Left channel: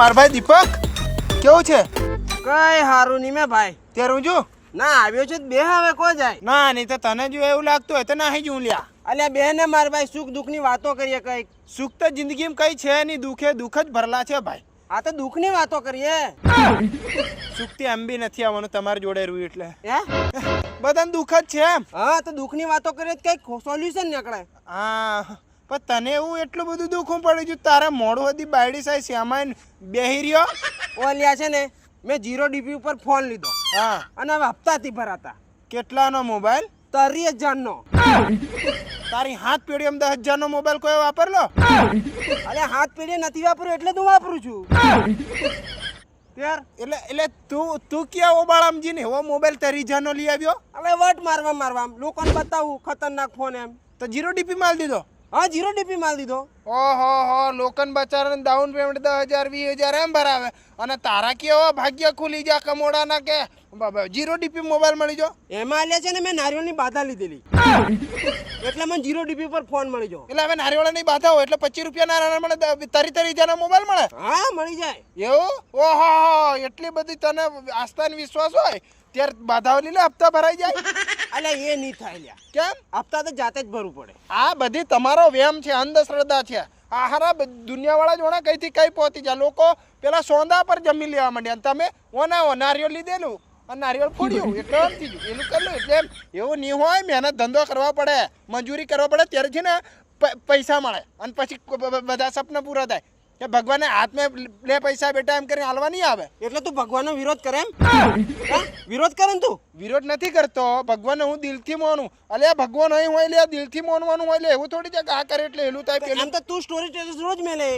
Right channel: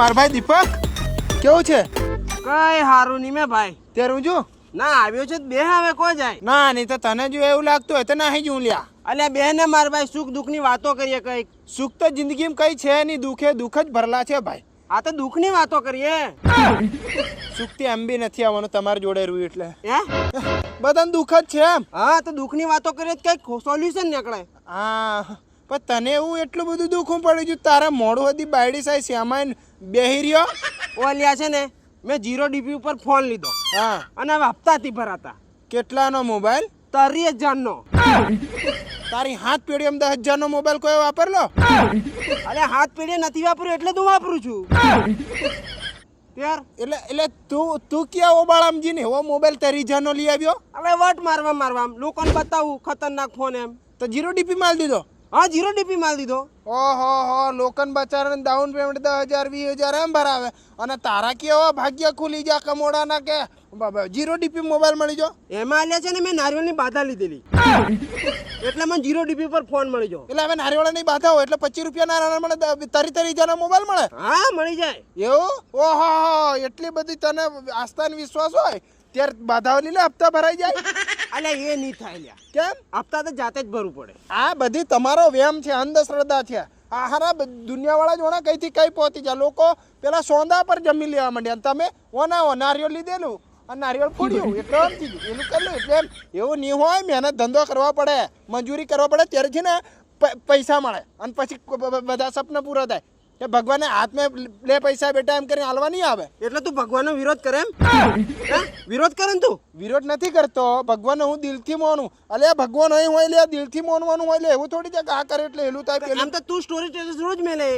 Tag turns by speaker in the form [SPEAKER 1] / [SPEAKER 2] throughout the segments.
[SPEAKER 1] માર ભાઈ દીપક? કેવું છે?
[SPEAKER 2] કઈ હારું નહીં મેં ભાઈ.
[SPEAKER 1] તે રૂજુ
[SPEAKER 2] ના આવ્યો છે બે હવે કો જાય?
[SPEAKER 1] ના નહીં તો તને જો એવું લાગતું હોય તો ના જું લ્યા.
[SPEAKER 2] અલ્યા બે ને માર ભાઈ સુખ દુઃખની વાતો કરીએ કંઈક.
[SPEAKER 1] સુખ તો જિંદગીમાં કઈ છે નહીં દુઃખે દુઃખ જ ભરલા છે ભાઈ.
[SPEAKER 2] આ તો દુઃખની વાતો કરીએ.
[SPEAKER 1] સુખથી એમ બી નથી આવવાનું તમારી જોડે રહ્યું એટલે.
[SPEAKER 2] હે?
[SPEAKER 1] બધાને દુઃખ જ છે એમ.
[SPEAKER 2] હા તો દુઃખની વાતો કરીએ તો કંઈક સોલ્યુશન નીકળે.
[SPEAKER 1] હા. પણ તને એવું એટલું બધું દુઃખું પડ્યું છું? તારા મોડું હતી બાયડી સાહેબ શ્યામાઈન બેહી રહ્યો?
[SPEAKER 2] ઓલિયા છે ને મેં જીરો ડીપી ઉપર ફોન લીધો.
[SPEAKER 1] હા.
[SPEAKER 2] અને હવે હપ્તાથી ભરાતા.
[SPEAKER 1] કેટલાનો મોબાઈલ?
[SPEAKER 2] તારી હજારનો.
[SPEAKER 1] તારી હાથ પેઢી એમ દસ હજારનો મોબાઈલ કોઈ વાપરલો
[SPEAKER 2] અરે હાથ પેઢી નથી વાપર્યું એટલે તું વાપરું છું. ત્યાર
[SPEAKER 1] એટલે એટલે તું તું ક્યાં ઓબાળામજી ને એવો મોબાઈલ તારી હજારનો લઈ આવ્યો?
[SPEAKER 2] હવે વટ મારવા મારવા. લોકોને બતાવું ખતરનાક ફોન એમ.
[SPEAKER 1] તો જીરો ડીપી માલ દીધો?
[SPEAKER 2] હા જીરો ડીપી માલ દીધો.
[SPEAKER 1] ઓહો હો લોકન બચારાને ડાઉન પેમેન્ટ દસ હજાર વીસ હજાર એમ ભરાવે. અને તારા કેવો ભાગ્ય ખુલી જા કમોડાના કે બાબા જીરો ડીપી મોબાઈલ મળી જો
[SPEAKER 2] એમાં આલ્યા છે ને મેં નારિયેળની બાધા લીધેલી. એટલે મને જીરો ડીપી પર ફોન મળી જો
[SPEAKER 1] એટલે હવે નારિયેળની બાધા હોય એટલે પચીસ રૂપિયા ના મળે તરી તરી હજારનો મોબાઈલ મળે?
[SPEAKER 2] હા મળી જાય.
[SPEAKER 1] એવું? ઓહો હો એટલી બધી તને આસ્થા વિશ્વાસ હોય ત્યારે બાધાઓ લીલે હપ્તા ભરાઈ જાય.
[SPEAKER 2] અલ્યા એ નહીં થાય લ્યા.
[SPEAKER 1] કેમ?
[SPEAKER 2] હપ્તા તો જાતે જ ભરવું પડે.
[SPEAKER 1] આ બધી તમારો વેમ છે અંધશ્રદ્ધા છે. આ હારા દુનિયાવાળા જોણા કઈથી કઈ પહોંચી જાય. લોકો પેલા સોંદા પર જમી લેવા માંડ્યા તમે ઓના ઓ નારિયેળ લીધેલું અને નારિયેળ ફોડ્યું. એટલે એમ થયું એનું કરેલું એટલે એવું નહીં હોય મહેનત ધંધો કરવા પડે મજૂરી કરવા પડે ત્યારે છે ને પૈસા મળે. અને પછી બધા સપના પૂરા થાય. કે ભગવાને હાથમાં લે પૈસા બેટા એમ કરીને હાલવા નહીં આવે?
[SPEAKER 2] એટલે તું ભગવાનનો વિરોધ કરે એમ? હે? વિરોધ કરે ને તું?
[SPEAKER 1] વિરોધ નથી કરતો. ભગવાનને હું દિલથી મોનું. અલે ભગવાન અહીં હોય લે દિલથી મોનવાનું હોય લે એવું થોડી છે કે આ કરે એટલે એલું થાય પેલું?
[SPEAKER 2] આમ તો તું સ્ટોરી સ્ટેટસ રોજ મેલે.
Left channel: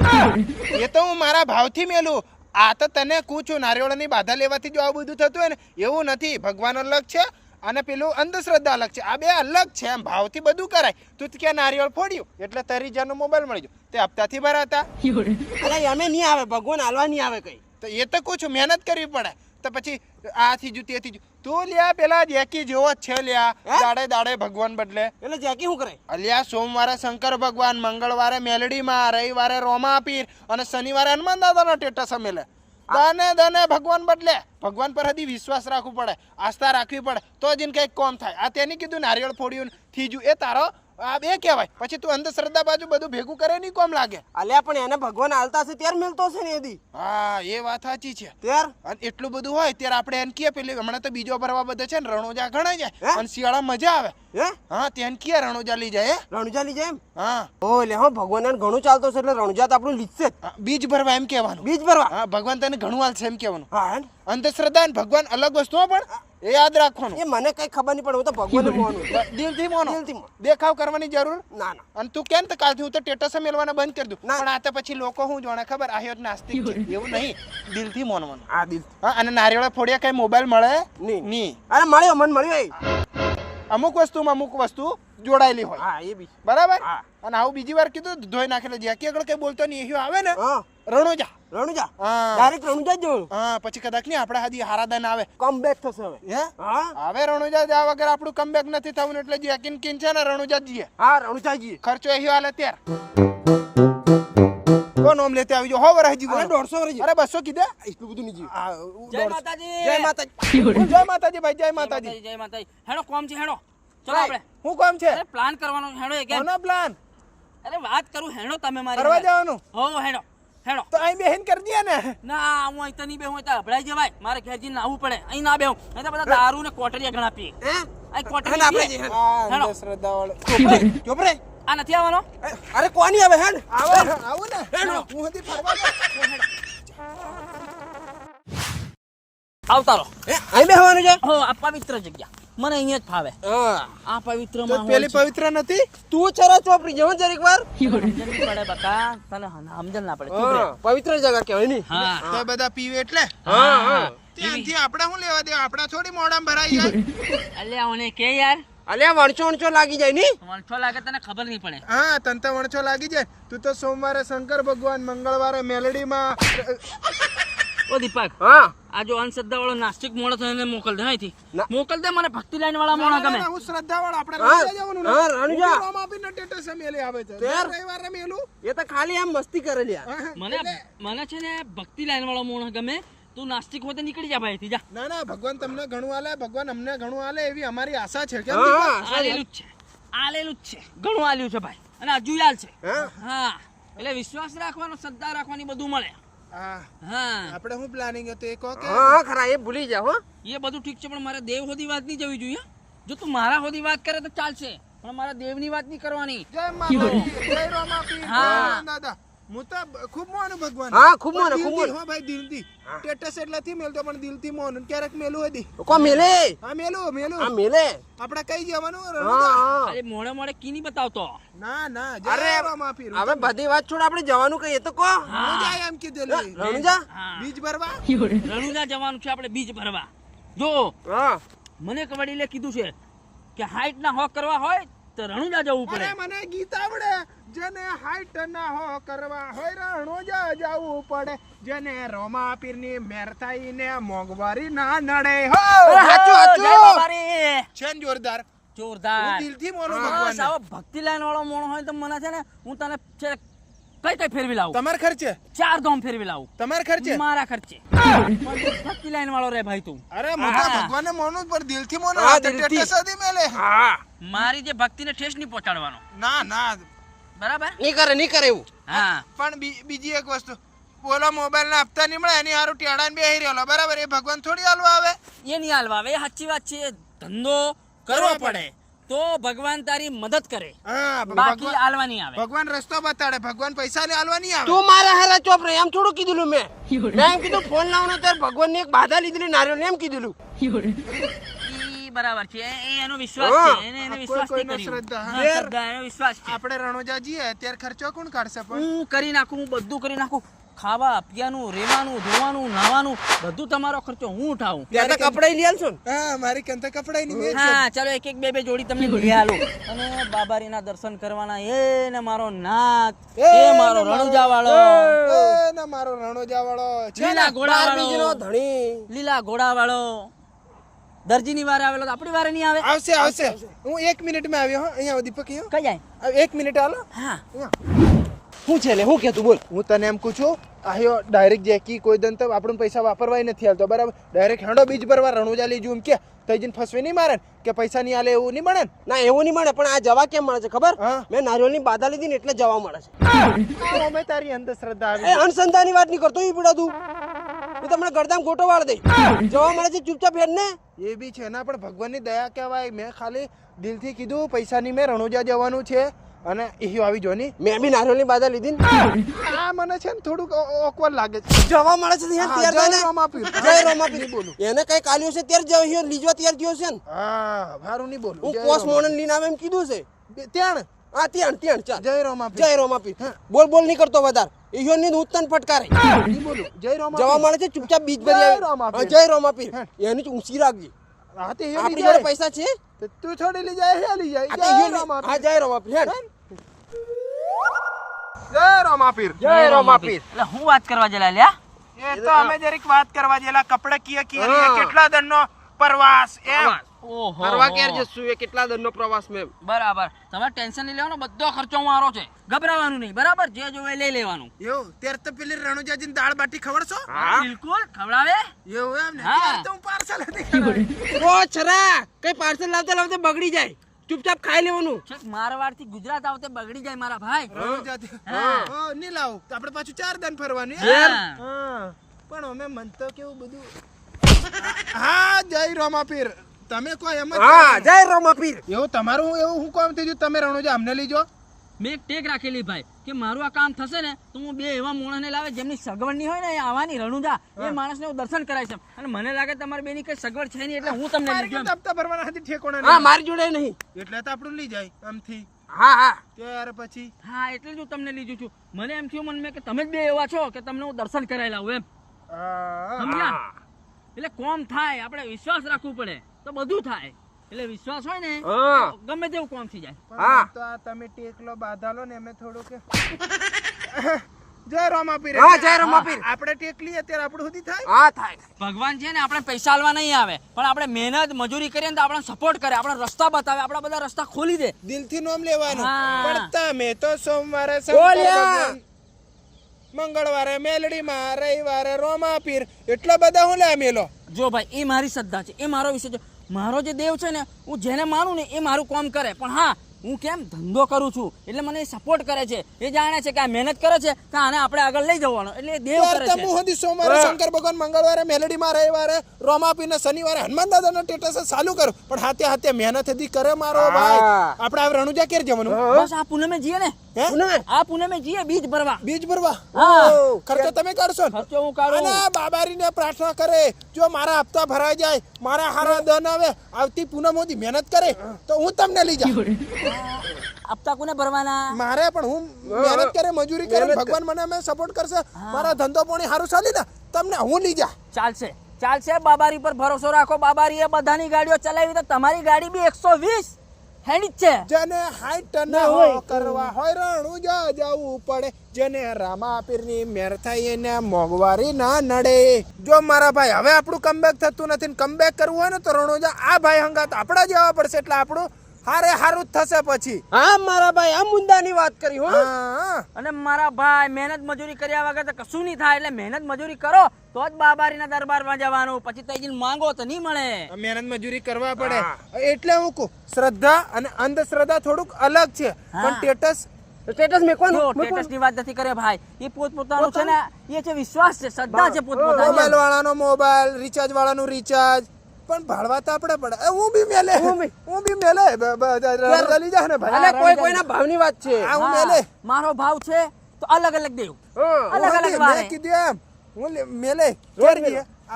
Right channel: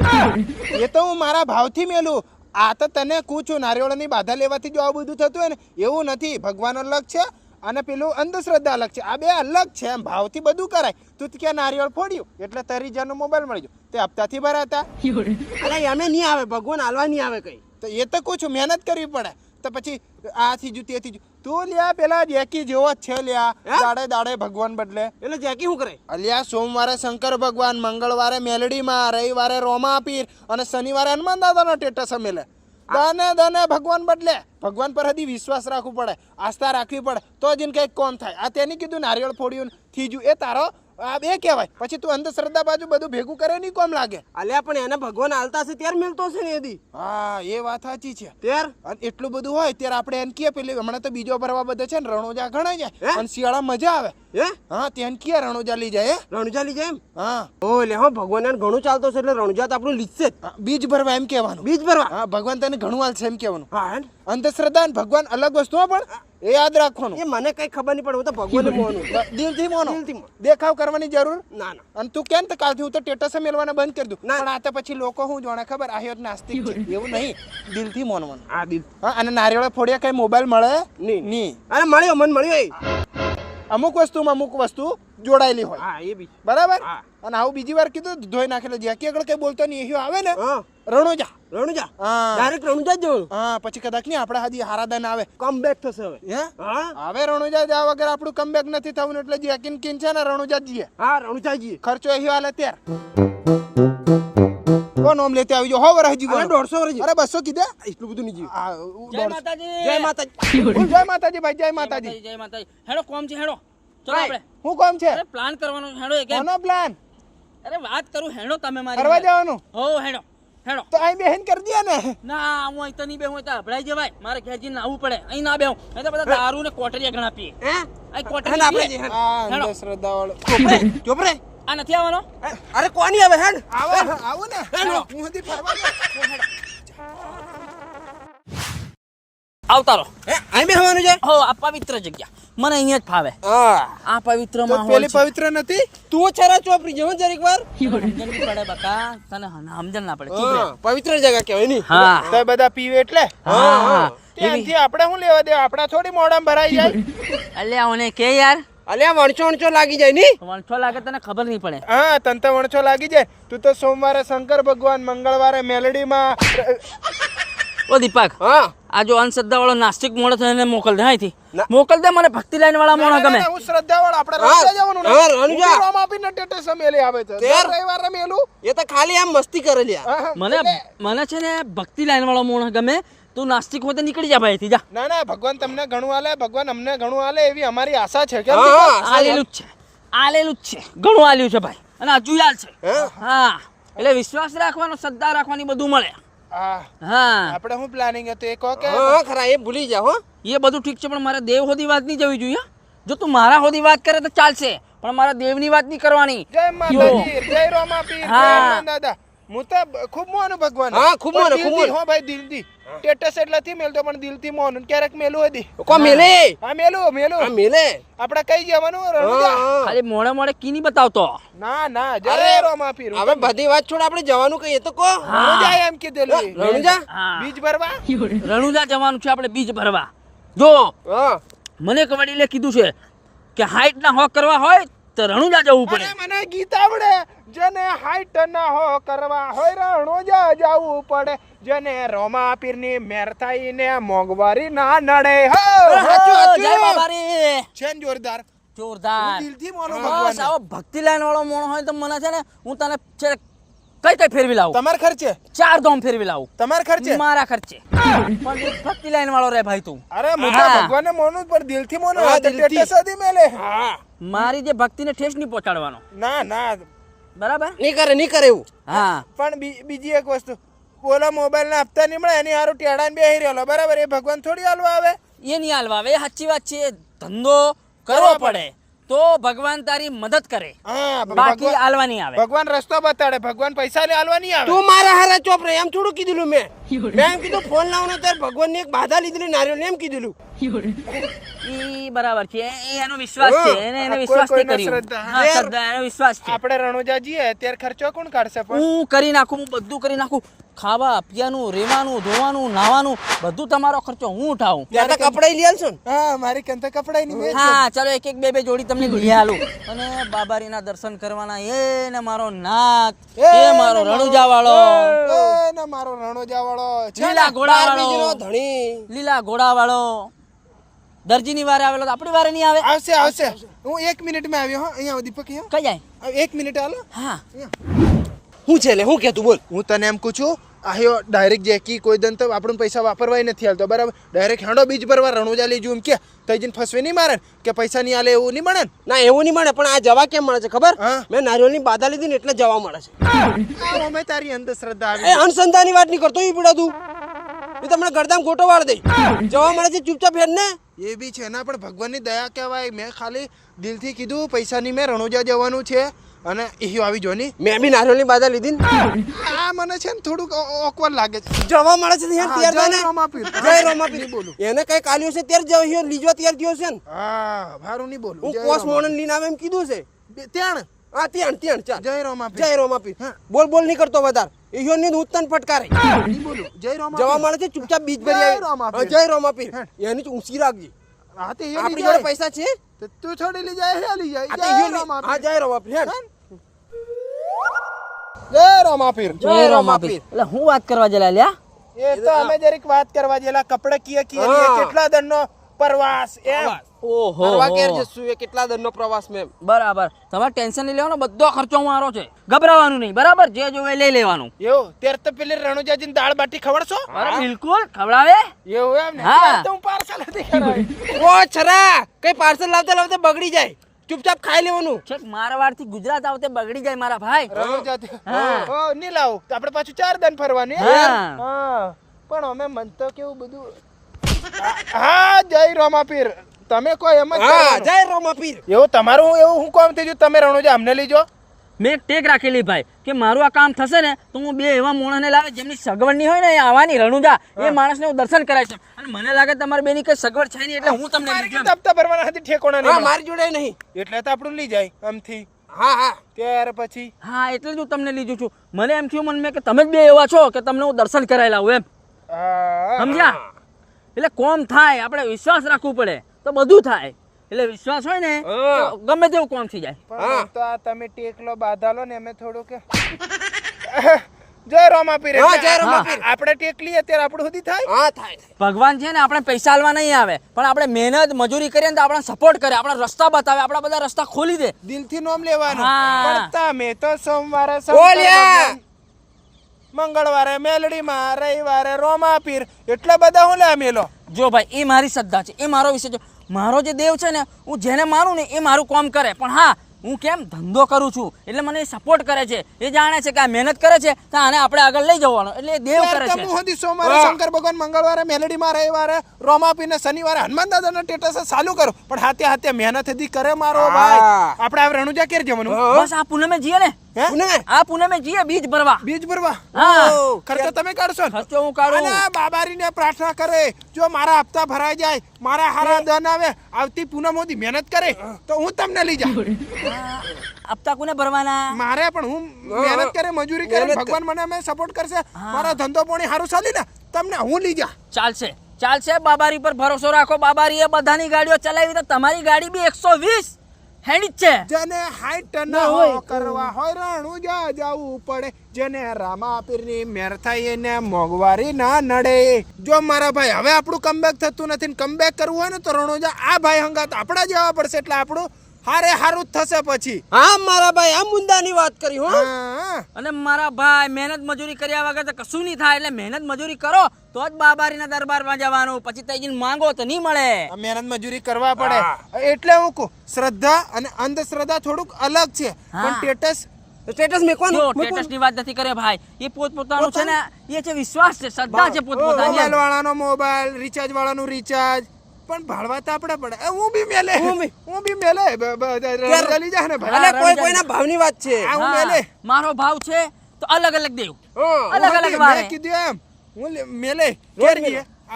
[SPEAKER 1] એ તો હું મારા ભાવથી મેલું. આ તો તને પૂછું નારિયેળની બાધા લેવાથી જો આ બધું થતું હોય ને એવું નથી. ભગવાન અલગ છે. અને પેલું અંધશ્રદ્ધા અલગ છે. આ બે અલગ છે. એમ ભાવથી બધું કરાય. તું ક્યાં નારિયેળ ફોડ્યું? એટલે તારી જાનો મોબાઈલ મળી ગયો. તે હપ્તાથી ભરાતા.
[SPEAKER 2] અરે અમે નહીં આવે. ભગવાન હાલવા નહીં આવે કઈ.
[SPEAKER 1] તો એ તો કહું છું મહેનત કરવી પડે. તો પછી આ થીજું તે થીજું તું લ્યા પેલા જેકી જેવો જ છે લ્યા. દાડે દાડે ભગવાન બદલે.
[SPEAKER 2] એટલે જેકી શું કરે?
[SPEAKER 1] અલ્યા સોમવારે શંકર ભગવાન મંગળવારે મેલડીમાં રવિવારે રોમા પીર અને શનિવારે હનુમાન દાદાનો ટેટસ મેલે દને દને, ભગવાન બદલે. ભગવાન પર હજી વિશ્વાસ રાખવું પડે, આસ્થા રાખવી પડે, તો જ એને કંઈક કોમ થાય. આ તેની કીધું નારિયેળ ફોડ્યું થીજું એ તારો આ બે કહેવાય. પછી તું અંધશ્રદ્ધા બાજુ બધું ભેગું કરે નહીં કોમ લાગે?
[SPEAKER 2] અલ્યા પણ એને ભગવાન હાલતા છે ત્યારે મિલતો છે ને એદી?
[SPEAKER 1] હા એ વાત સાચી છે.
[SPEAKER 2] ત્યાર?
[SPEAKER 1] અને એટલું બધું હોય ત્યારે આપણે એને કહીએ પેલી હમણાં તો બીજો ભરવા બધો છે ને રણોજા
[SPEAKER 2] ઘણા
[SPEAKER 1] જાય. અને શિયાળા મજા આવે.
[SPEAKER 2] હે?
[SPEAKER 1] હા ત્યાં કીએ રણુજા લઈ જાય હે?
[SPEAKER 2] રણુજા લઈ જાય એમ?
[SPEAKER 1] હા.
[SPEAKER 2] ઓ લે હો ભગવાન એને ઘણું ચાલતો છે એટલે રણુજા તો આપણું લીધશે જ.
[SPEAKER 1] બીજ ભરવા એમ કહેવાનું.
[SPEAKER 2] બીજ ભરવા?
[SPEAKER 1] હા ભગવાન તને ઘણું હાલ છે એમ કહેવાનું.
[SPEAKER 2] હા?
[SPEAKER 1] અંધશ્રદ્ધા અને ભગવાન અલગ વસ્તુ પણ એ યાદ રાખવાનું.
[SPEAKER 2] એ મને કઈ ખબર નહીં પડે હું તો ભગવાન મોનું
[SPEAKER 1] દિલથી મોનો
[SPEAKER 2] દિલથી.
[SPEAKER 1] દેખાવ કરવાની જરૂર?
[SPEAKER 2] ના ના.
[SPEAKER 1] અને તું કેમ તો કાલથી હું તો ટેટસ મેળવાના બંધ કરી દઉં. પણ આ તો પછી લોકો હું જોણે ખબર? જ નાસ્તિક છે. એવું નહીં. દિલથી મોનવાનું.
[SPEAKER 2] આ દિલ
[SPEAKER 1] અને નારિયેળ ફોડિયા કઈ મોબાઈલ મળે
[SPEAKER 2] નહીં.
[SPEAKER 1] નહીં.
[SPEAKER 2] અરે મળ્યો મન મળ્યો
[SPEAKER 1] અમુક વસ્તુમાં અમુક વસ્તુ જોડાયેલી હોય.
[SPEAKER 2] હા એ બી
[SPEAKER 1] બરાબર. અને આવું બીજી વાર કીધું ધોઈ નાખેલો જ્યાં આગળ કઈ બોલતો નહીં એહ્યો આવે ને રણુજા.
[SPEAKER 2] રણુજા?
[SPEAKER 1] હા.
[SPEAKER 2] ડાયરેક્ટ રણુજા જ જોયું?
[SPEAKER 1] હા પછી કદાચ નહીં આપણે હાજી હારાદન આવે.
[SPEAKER 2] કમ બેક થશે હવે.
[SPEAKER 1] હે?
[SPEAKER 2] હા?
[SPEAKER 1] હવે રણુજા જાવ વગર આપણું કમબેક નથી થવું એટલે જે કિન કિન છે ને રણુજા જ જઈએ.
[SPEAKER 2] હા રણુજા જઈએ
[SPEAKER 1] ખર્ચો એ હાલે ત્યાર કોણ ઓમ લેતે આવી જો. હો વરસ
[SPEAKER 2] અરે
[SPEAKER 1] જીવો
[SPEAKER 2] દોઢસો
[SPEAKER 1] અરે 200 કીધે?
[SPEAKER 2] એટલું બધું નહીં જીવે.
[SPEAKER 3] જય માતાજી.
[SPEAKER 2] જય માતાજી.
[SPEAKER 1] જય માતાજી ભાઈ જય માતાજી
[SPEAKER 3] જય માતાજી. હેડો કોમ છે હેડો. ચલો આપણે.
[SPEAKER 1] હું કોમ છે?
[SPEAKER 3] અરે પ્લાન કરવાનો હેડો એક
[SPEAKER 1] કોનો પ્લાન
[SPEAKER 3] અરે વાત કરું હેડો તમે મારી કરવા.
[SPEAKER 1] જવાનું?
[SPEAKER 3] હો હેડો હેડો.
[SPEAKER 1] તો અહીં બેહીન કરી દે ને.
[SPEAKER 3] ના હું અહીં તો નહીં બેહું તો અભડાઈ જવાય. મારે ઘેરજી નાવું પડે. અહીં ના બેહું. નહીં તો બધા દારૂ ને કોટરિયા ઘણા પીએ
[SPEAKER 2] હે
[SPEAKER 3] આ
[SPEAKER 2] હે
[SPEAKER 3] કોટરી
[SPEAKER 2] ને આપણે
[SPEAKER 3] હેડો.
[SPEAKER 1] અંધશ્રદ્ધા વાળો
[SPEAKER 2] ચોપરે ચોપરે
[SPEAKER 3] આ નથી આવવાનો?
[SPEAKER 2] અરે કોની આવે હેડ.
[SPEAKER 1] આવો આવો ને.
[SPEAKER 3] હેડો.
[SPEAKER 1] હું હતી ફરવા.
[SPEAKER 3] આવતારો.
[SPEAKER 2] હે અહીં બેહવાનું છે?
[SPEAKER 3] હો આ પવિત્ર જગ્યા. મને અહીંયા જ ફાવે. આ પવિત્રમાં
[SPEAKER 1] પેલી પવિત્ર નથી?
[SPEAKER 2] તું ચરા ચોપરી જવું જરીક વાર.
[SPEAKER 3] પડે બકા તને સમજણ ના પડે
[SPEAKER 2] પવિત્ર જગા કહેવાય નહીં
[SPEAKER 3] હા.
[SPEAKER 1] તો બધા પીવે એટલે?
[SPEAKER 2] હા હા.
[SPEAKER 1] ત્યાંથી આપણે શું લેવા દે આપણા થોડી મોડા ભરાઈ જાય.
[SPEAKER 3] અલ્યા આવને કે યાર?
[SPEAKER 2] અલ્યા લાગી જાય
[SPEAKER 3] વણછો લાગે તને ખબર નહીં પડે.
[SPEAKER 1] હા તને તો વણછો લાગી જાય. તું તો સોમવારે શંકર ભગવાન મંગળવારે મેલડીમાં
[SPEAKER 3] ઓ દીપક
[SPEAKER 2] હા.
[SPEAKER 3] આ જો અંધશ્રદ્ધા વાળો નાસ્તિક મોડે થઈને મોકલ દે અહીંથી મોકલ દે મને ભક્તિ લાઈન વાળા મોડો ગમે.
[SPEAKER 1] હું શ્રદ્ધાવાળો આપણે રણુજા જવાનું
[SPEAKER 2] હા, રણુજા.
[SPEAKER 1] હું આપીને ટેટસ મેલે આવે છે. દર રવિવારે મેલું.
[SPEAKER 2] એ તો ખાલી આમ મસ્તી
[SPEAKER 1] હા.
[SPEAKER 3] મને મને છે ને ભક્તિ લાઈન વાળો મોણ ગમે. તું નાસ્તિક હોય તો નીકળી જા ભાઈ જા
[SPEAKER 1] ના ના ભગવાન તમને ઘણું આલે ભગવાન અમને ઘણું આલે એવી અમારી આશા છે
[SPEAKER 2] કે.
[SPEAKER 3] આલેલું જ છે. આલેલું જ છે. ઘણું આલ્યું છે ભાઈ. અને હજુ યાદ છે.
[SPEAKER 2] હા?
[SPEAKER 3] એટલે વિશ્વાસ રાખવાનો શ્રદ્ધા રાખવાની બધું મળે.
[SPEAKER 1] હા.
[SPEAKER 3] હા.
[SPEAKER 1] આપણે શું પ્લાનિંગ હતું? એ કહો કે
[SPEAKER 2] હા ખરા એ ભૂલી જા હો.
[SPEAKER 3] એ બધું ઠીક છે પણ મારે દેવ હોદી વાત નહીં જવી જોઈએ. જો તું મારા હોદી વાત કરે તો ચાલશે. પણ મારા દેવની વાત નહીં કરવાની.
[SPEAKER 1] જય માતાજી જય રોમાપીર જય
[SPEAKER 3] હા.
[SPEAKER 1] દાદા. હું તો ખૂબ મોનું ભગવાન.
[SPEAKER 2] હા, ખૂબ
[SPEAKER 1] પણ
[SPEAKER 2] ખૂબ મોનું.
[SPEAKER 1] હો ભાઈ દિલથી. સ્ટેટસ એટલાથી મેલતો પણ દિલથી મોનું. ક્યારેક મેલું હતી
[SPEAKER 2] કો મેલે?
[SPEAKER 1] હા મેલું
[SPEAKER 2] આ
[SPEAKER 1] મેલું
[SPEAKER 2] મેલે.
[SPEAKER 1] આપણે કઈ જવાનું?
[SPEAKER 2] હા,
[SPEAKER 1] રણુજા?
[SPEAKER 2] હા.
[SPEAKER 3] ખાલી મોડે મોડે કી બતાવતો?
[SPEAKER 1] ના ના
[SPEAKER 2] અરે,
[SPEAKER 1] રોમાપીર
[SPEAKER 2] હવે બધી વાત છોડ આપણે જવાનું કહીએ તો કો.
[SPEAKER 1] રણુજા એમ કીધેલું.
[SPEAKER 2] રણુજા?
[SPEAKER 1] બીજ ભરવા?
[SPEAKER 3] રણુજા જવાનું છે આપણે બીજ ભરવા. જો
[SPEAKER 2] હા.
[SPEAKER 3] મને એક વડીલે કીધું છે કે હાઈટ ના હોક કરવા હોય તો રણુજા જવું પડે.
[SPEAKER 1] મને ગીત આવડે. જેને હાઈટ ના હો કરવા હોય રણુજા જાવું પડે. જેને રોમા ની મેર થઈ ને મોંઘવારી ના નડે. હો
[SPEAKER 2] સાચું હાચું, હાચું.
[SPEAKER 3] જય બાબારી.
[SPEAKER 1] છે જોરદાર?
[SPEAKER 3] જોરદાર.
[SPEAKER 1] દિલથી મોનું ભગવાન.
[SPEAKER 3] આવો ભક્તિ લાઈન વાળો મોણો હોય તો મને છે ને હું તને છે કઈ કઈ ફેરવી લાવું?
[SPEAKER 1] તમાર ખર્ચે?
[SPEAKER 3] ચાર દોમ ફેરવી લાવું.
[SPEAKER 1] તમાર ખર્ચે?
[SPEAKER 3] મારા ખર્ચે. ભક્તિ લાઈન વાળો રે ભાઈ તું.
[SPEAKER 1] અરે
[SPEAKER 3] મોટા.
[SPEAKER 1] ભગવાનને મોનું પર દિલથી મોનો
[SPEAKER 2] હા,
[SPEAKER 1] આ
[SPEAKER 2] દિલથી.
[SPEAKER 1] ટેટસ મેલે.
[SPEAKER 2] હા.
[SPEAKER 3] મારી જે ભક્તિને ઠેસ નહીં પહોંચાડવાનો.
[SPEAKER 1] ના ના.
[SPEAKER 3] બરાબર?
[SPEAKER 2] નહીં કરે નહીં કરે એવું.
[SPEAKER 3] હા.
[SPEAKER 1] પણ બીજી એક વસ્તુ. ઓલા મોબાઈલ ના હપ્તા નહીં મળે એની હારું ટેડાને બેહી રહેલો. બરાબર? એ ભગવાન થોડી હાલવા આવે?
[SPEAKER 3] એ નહીં હાલવા આવે એ સાચી વાત છે. ધંધો કરવો પડે. તો ભગવાન તારી મદદ કરે. બાકી
[SPEAKER 1] ભગવાન
[SPEAKER 3] નહીં આવે.
[SPEAKER 1] ભગવાન રસ્તો બતાડે ભગવાન પૈસા ને નહીં આવે.
[SPEAKER 2] તું મારા હારા ચોપ રે એમ થોડું કીધું મેં. મેં કીધું ફોન લાવવાનો ત્યારે ભગવાનની એક બાધા લીધેલી નારિયેળ એમ કીધું
[SPEAKER 3] બરાબર છે. એનો વિશ્વાસ છે. એને એને
[SPEAKER 1] વિશ્વાસથી
[SPEAKER 3] કર્યું. એનો વિશ્વાસ છે.
[SPEAKER 1] આપણે રણોજા જઈએ ત્યારે ખર્ચો કોણ કાઢશે
[SPEAKER 3] હું કરી નાખું બધું કરી નાખું. ખાવા પીવાનું રેવાનું ધોવાનું નાવાનું બધું તમારો ખર્ચો હું ઉઠાવું.
[SPEAKER 2] ત્યાં કપડાઈ લઈ આવશો
[SPEAKER 1] હા મારી કંતે કપડાઈ ની
[SPEAKER 3] હા ચાલો એક એક બે બે જોડી તમને લઈ આલું. અને બાબારીના દર્શન કરવાના એ ને મારો નાક એ મારો રણુજા વાળો
[SPEAKER 1] એ ને મારો રણોજા વાળો
[SPEAKER 3] લીલા ઘોડા વાળો
[SPEAKER 2] ધણી.
[SPEAKER 3] લીલા ઘોડા વાળો દરજીની વારે આવેલો તો આપણી વારે નહીં આવે?
[SPEAKER 1] આવશે આવશે. હું એક મિનિટમાં આવ્યો હો. અહીંયા દીપક અહીંયા
[SPEAKER 3] કઈ જાય?
[SPEAKER 1] એક મિનિટ હાલો.
[SPEAKER 3] હા.
[SPEAKER 2] શું છે લે? શું કહેતું બોલ.
[SPEAKER 1] હું તને એમ કહું છું આયો ડાયરેક્ટ જેકી કોઈ દન તો આપણે પૈસા વાપરવાય નથી હાલતો બરાબર? ડાયરેક્ટ હાંડો બીજ ભરવા રણુજા લઈ જવું કે તઈ જઈને ફસવે નહીં મારે કે પૈસા નહીં આલે એવું નહીં મળે ના?
[SPEAKER 2] એવું નહીં મળે પણ આ જવા કેમ મળે છે ખબર. મેં નારિયેળની બાધા લીધી ને એટલે જવા મળે છે.
[SPEAKER 1] અમે તારી અંધશ્રદ્ધા આવી.
[SPEAKER 2] અણસંધાની વાત નહીં કરતો એ પીડા તું. એ તમને ગરદામ ગોટો વાળ દઈ જવા મળે છે ચૂપચાપ હેડ ને.
[SPEAKER 1] એ બી છે ના પણ ભગવાનની દયા કહેવાય. મેં ખાલી દિલથી કીધું પૈસાની મેં રણુજા જવાનું છે. અને એ આવી જોની
[SPEAKER 2] મેં બી નારિયેળની બાધા લીધી
[SPEAKER 1] આ મને છે ને થોડુંક ઓકવર્ડ લાગે છે.
[SPEAKER 2] જવા મળે છે ત્યાં ત્યાર
[SPEAKER 1] જાય
[SPEAKER 2] ને. જય રમાપીર એને કઈ કાલ્યું છે ત્યારે જવા લીજવા તૈયાર થયો છે ને.
[SPEAKER 1] હા ભારું નહીં બોલું.
[SPEAKER 2] હું કોસ મોણન લઈને આવે એમ કીધું છે.
[SPEAKER 1] બે- ત્યાં
[SPEAKER 2] હા ત્યાં ત્યાં ચાલ
[SPEAKER 1] જય રોમાપીર
[SPEAKER 2] જય રોમાપીર બોલ બોલ નહીં કરતો વધાર. એ યોની ઉત્તન ફટકારે.
[SPEAKER 1] જય રોમાપીર
[SPEAKER 2] જવા મળે છે ચૂપચાપ બીજ ભરી આવી. જય રોમાપીર એની ઊંચી રાખજે.
[SPEAKER 1] હા તે એ.
[SPEAKER 2] પૈસા છે?
[SPEAKER 1] તો તું છોડી લઈ જાય હે લઈ જાય. જય રોમાપીર.
[SPEAKER 2] હા જય રોમાપીર હેડ.
[SPEAKER 1] જય રોમાપીર
[SPEAKER 2] જય રોમાપીર.
[SPEAKER 3] એટલે હું વાત કરવા જેલા લ્યા?
[SPEAKER 1] એ તો અમે જરીક વાત કરવા જેલા. કપડે કીએ કીએ કેટલા દનનો પ્રવાસ એમ.
[SPEAKER 3] ઓહો.
[SPEAKER 2] ફરવા ક્યારે જશું એ કેટલા દરનો પ્રવાસ મેમ
[SPEAKER 3] બરાબર. તમારે ટેન્શન નહીં લેવાનું બધો ખર્ચો મારો છે. ગભરાવાનું નહીં બરાબર? જે જોવે લઈ લેવાનું.
[SPEAKER 1] એવું ત્યારે તો પેલી રણુજાજીને દાળ બાટી ખવડશો?
[SPEAKER 3] બિલકુલ. ખવડાવે?
[SPEAKER 1] એવું એમ ને?
[SPEAKER 3] હા.
[SPEAKER 1] તો હું પાર્સલ.
[SPEAKER 2] ઓ છરા! કઈ પાર્સલ લાવતા લાવતા બગડી જાય. ચૂપચાપ ખાઈ લેવાનું.
[SPEAKER 3] છેક મારવાડથી ગુજરાત આવતે બગડી જાય મારા ભાઈ. હો.
[SPEAKER 1] નહીં લાવું. આપણે પાછું ચાર દન ફરવાની હા.
[SPEAKER 3] હા.
[SPEAKER 1] પણ અમે મન તો કેવું બધું હા જય રોમાપીર. તમે કોઈ એમ જ
[SPEAKER 2] હા. જય રોમાપીર.
[SPEAKER 1] એવું તમારું એવું હું કોમ થઈ તમે રણુજા અમને લીજો
[SPEAKER 3] મેં એક ટેક રાખેલી ભાઈ કે મારું આ કામ થશે ને તો હું બે એવા માણસને લાવે જેમની સગવડ નહીં હોય ને એ આવવાની રણુજા એ માણસને હું દર્શન કરાય છે અને મને લાગે તમારે બેની કઈ સગવડ છે નહીં એટલે હું તમને લઈ
[SPEAKER 1] જાઉં તપતા ભરવાના હતી ઠેકોણા
[SPEAKER 2] હા મારી જોડે નહીં.
[SPEAKER 1] એટલે તો આપણું લઈ જાય આમથી.
[SPEAKER 2] હા હા.
[SPEAKER 1] ત્યાર પછી.
[SPEAKER 3] હા એટલે જ હું તમને લીધું છું. મને એમ થયું મને કે તમે જ બે એવા છો કે તમને હું દર્શન કરાવી લાવું એમ. સમજ્યા? એટલે કોમ થાય આપણે વિશ્વાસ રાખવું પડે. તો બધું થાય. એટલે વિશ્વાસ હોય ને ગમે તેવું કોમ થઈ જાય.
[SPEAKER 1] તો આ તમે ટેકલો બાંધાલો ને અમે થોડું કે જય રોમાપીર
[SPEAKER 2] હા, જય રોમાપીર.
[SPEAKER 1] આ- આપણે ટેકલી અત્યારે આપણું સુધી થાય?
[SPEAKER 2] હા થાય.
[SPEAKER 3] ભગવાન છે ને આપણે પૈસા આલવા નહીં આવે. પણ આપણે મહેનત મજૂરી કરીએ તો આપણે સપોર્ટ કરે આપણે રસ્તા બતાવે આપણા બધા રસ્તા ખોલી દે.
[SPEAKER 1] દિલથી નોમ લેવાનું. પણ તમે તો સોમવારે
[SPEAKER 2] બોલ્યા.
[SPEAKER 1] મંગળવારે મેલડીમાં રવિવારે રોમાપીર એટલા બધા હું લે મેલો?
[SPEAKER 3] જો ભાઈ એ મારી શ્રદ્ધા છે. એ મારો વિષય છે. મારો જે દેવ છે ને, હું જેને માનું ને એ મારું કામ કરે. પણ હા હું કેમ ધંધો કરું છું? એટલે મને સપોર્ટ કરે છે. એ જાણે છે કે આ મહેનત કરે છે તો આને આપણે આગળ લઈ જવાનો. એટલે દેવ કરે છે.
[SPEAKER 1] તમે હદી સોમવારે શંકર ભગવાન મંગળવારે મેલડીમાં રવિવારે ને શનિવારે હનુમાન દાદાના સ્ટેટસ ચાલુ કરો. પણ હાથે હાથે મહેનત હદી કરે મારો ભાઈ. આપણે આ રણુજા કેર જવાનું
[SPEAKER 3] બસ આ પુનમે જીએ ને? આ પુનમે જીએ બીજ ભરવા.
[SPEAKER 1] બીજ ભરવા?
[SPEAKER 3] હા.
[SPEAKER 1] ખર્ચો તમે કાઢશો
[SPEAKER 3] ખર્ચો હું કાઢું.
[SPEAKER 1] અને બાબારીને પ્રાર્થના કરે જો મારા હપ્તા ભરાઈ જાય મારા હારા દન આવે આવતી પૂનમ સુધી મહેનત કરે તો હું તમને લઈ જાઉં.
[SPEAKER 3] હપ્તા કોને ભરવાના?
[SPEAKER 1] મારે પણ હું મહેનત કરે મજૂરી કરે ભગવાન મને અમે સપોર્ટ કરશે. મારા ધંધો પાણી સારું ચાલી ને તમને હું લઈ જા.
[SPEAKER 3] ચાલશે ચાલશે બાબારી પર ભરોસો રાખો. બાબારી એ બધાની ગાડીઓ ચલાવી તો તમારી ગાડી બી એકસો વીસ હેડી છે.
[SPEAKER 1] જેને હાઈટ ના કરવા હોય રણું જા જાવું પડે. જેને રામાપીરની મેર થાય એને મોંઘવારી ના નડે. જો મારા ભાઈ હવે આપણું કમબેક થતું નથી કમબેક કરવું હોય ને તો રણુજા આ ભાઈ હંગાત આપણા જવા પડશે એટલે આપણું હારે હારું થશે પછી.
[SPEAKER 2] હા મારા ભાઈ આ મુદ્દાની વાત કરી હો.
[SPEAKER 3] અને મારા ભાઈ મહેનત મજૂરી કર્યા વગર તો કશું નહીં થાય એટલે મહેનત મજૂરી કરો તો જ બાબારીના દરબારમાં જવાનું. પછી તઈ જઈને માંગો તો નહીં મળે.
[SPEAKER 1] મહેનત મજૂરી કરવા પડે. એટલે હું કહું શ્રદ્ધા અને અંધશ્રદ્ધા થોડુંક અલગ છે પણ ટેટસ
[SPEAKER 2] સ્ટેટસ મેકવાનું
[SPEAKER 3] સ્ટેટસની વાત નથી કરે ભાઈ. એ પોતપોતાનું છે ને એ છે વિશ્વાસ છે શ્રદ્ધા છે પોતપોતાની
[SPEAKER 1] મોબાઈલ વાળાનો મોબાઈલ રિચાર્જ વાળાનું રિચાર્જ પણ ભાડવા તો આપણે પડે. હું બી મેલે.
[SPEAKER 2] હું બી.
[SPEAKER 1] મેલે. બ- બ- ર- ચાલી જાય ને ભાઈ.
[SPEAKER 2] અને કોઈ કોઈના ભાવની વાત છે.
[SPEAKER 1] હું મેલે.
[SPEAKER 3] મારો ભાવ છે તો અલગ અલગ દેવ. અલગ અલગ
[SPEAKER 1] મેં કીધું એમ. હું મેલે. કેર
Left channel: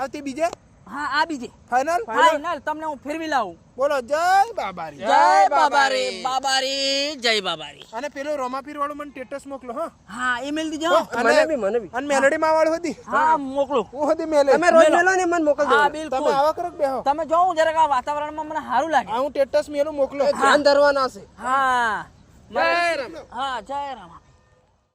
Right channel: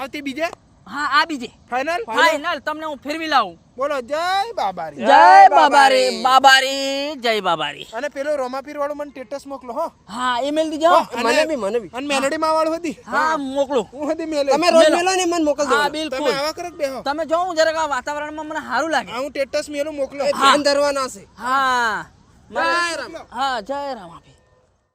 [SPEAKER 1] આવતી બીજે?
[SPEAKER 3] હા આ બીજે.
[SPEAKER 1] ફાઇનલ
[SPEAKER 3] ફાઇનલ તમને હું ફેરવી લાવું.
[SPEAKER 1] બોલો જય બાબારી.
[SPEAKER 3] જય બાબારી. બાબારી. જય બાબારી.
[SPEAKER 1] અને પેલો રોમાપીર વાળો મને સ્ટેટસ મોકલો હો.
[SPEAKER 3] હા ઈમેલ દીજો.
[SPEAKER 2] મને બી મને બી.
[SPEAKER 1] અને મેલડી માં વાળો હતી.
[SPEAKER 3] હા મોકલું.
[SPEAKER 1] હું હતી મેલે.
[SPEAKER 2] તમે રોજ
[SPEAKER 3] મેલો.
[SPEAKER 2] ને મને મોકલ
[SPEAKER 3] હા
[SPEAKER 2] દો
[SPEAKER 3] બિલકુલ.
[SPEAKER 1] તમે આવા કરો બે બેહો?
[SPEAKER 3] તમે જોઉં જરાક આ વાતાવરણમાં મને સારું લાગે.
[SPEAKER 1] હું સ્ટેટસ મેલું મોકલો.
[SPEAKER 2] ધ્યાન ધરવાના છે.
[SPEAKER 3] હા.
[SPEAKER 2] જય રામ.
[SPEAKER 3] હા જય રામ.